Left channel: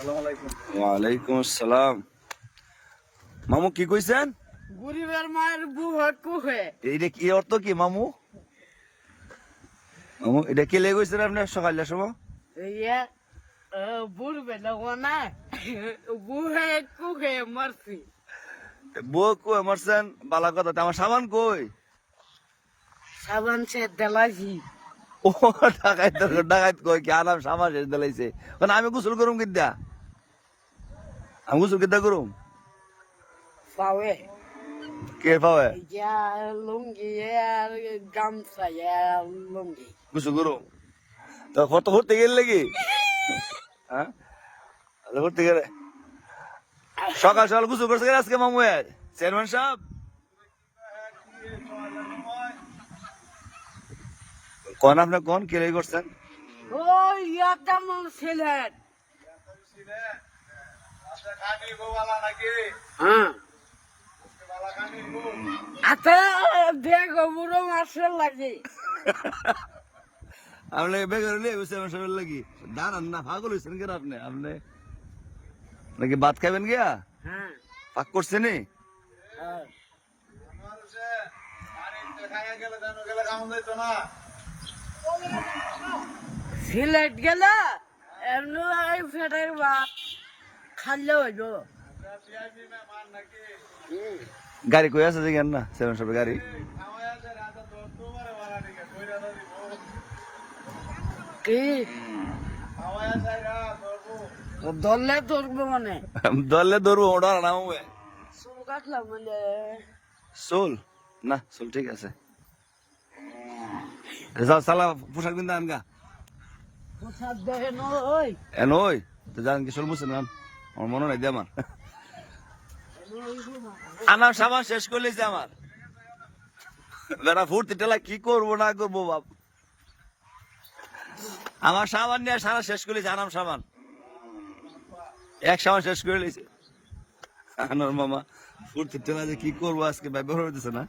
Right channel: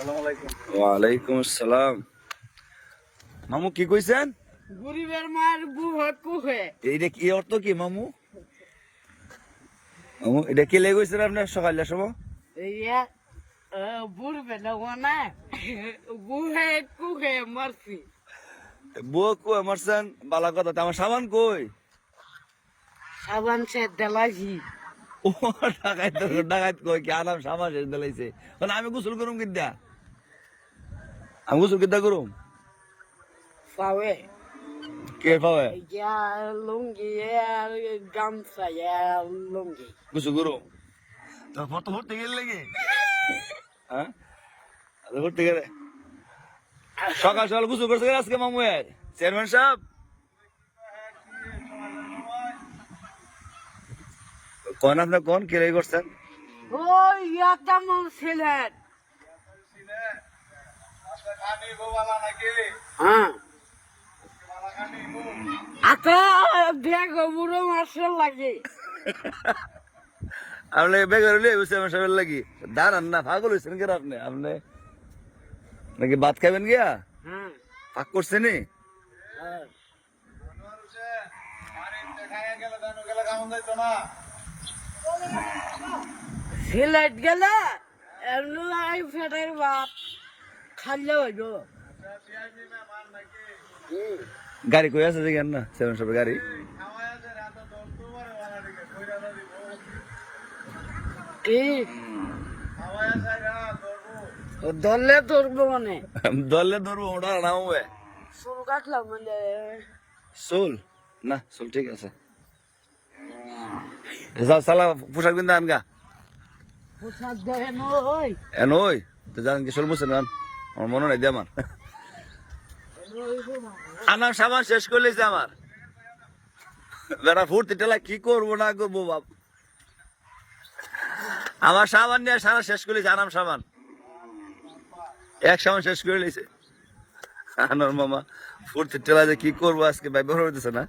ওয়ালাইকুম আসসালাম। মামু কি কইছেন? গরিবের মায়ের বউ হয় কুহে। এইটা কি অর্থ কি মামু? মামু এটা কি লেগে গেছেন আপনার সকালের সময়? ইয়া বুড়বে না ও না বুহে কুহে মারছি। বউ কই মারছেন? বালা কথা, আমার সাবান কই? সাবান সে দেলাইছি। ও ডাকাইত ডাকাইত কই কি আরাম সাবান শেষ দিলাইছে। মানে আমি গোসল করুম কিদ্দা? আমি গোসল কিদ্দা করুম? পাওয়ে কে পাবে? ইয়া লুঙ্গি আর গামছা ইয়া লুঙ্গি। গোসল করুম তো ফটো ভরতে গেলে লাগি? হ্যাঁ ভরতে গেলে সকাল সকাল গোসল করতে গেলে আজকে মামু এর চেয়ারম্যান সাহেব কোন আপনার কোন কে লেগে করছেন? ওই ইয়াটা মন ছিলেন। হ্যাঁ আচ্ছা দেখো বুড়ো মাসের লাগে। আপনি বেকার হলে চেয়ারম্যান সাহেবের লাগি দাঁড়ান না, পাগল হয়েছেন কেন আপনি? আপনি নাকি ভাত খাবেন গিয়া? হ্যাঁ পাক করছেন নি? হ্যাঁ। সিলেট গেলে এমনি এই ফেটার ভাত খাইলে হইব। গাড়ি কই আছে দেখেন না চেয়ারম্যান সাহেবের গাড়ি? কি ধরলে ধরবো মানে দলে ধরবো ওটা নামবে চুল কাটলাম মানে চুল না, চুল ঠিক আছে। যাও সালা পোশাক কিনতে আনগা পোশাক দেখেন ওই এন ওই তো জানেন কি চুল মুছেন গান আমার মনে নাই দিয়ে আমার আনার সামান শেষ করে লেছে আমার বেড়া ফুর্তি টেলা কি করবো না করবো বাপ, আমার সামান নিয়ে সারা শেষ করে লেছে। আনাম সামান এক সামান শেষ করে লেছে আনার মামা ফুর্তি টেলা যে কি করবো আজকে ভাই বের হইতেছে না।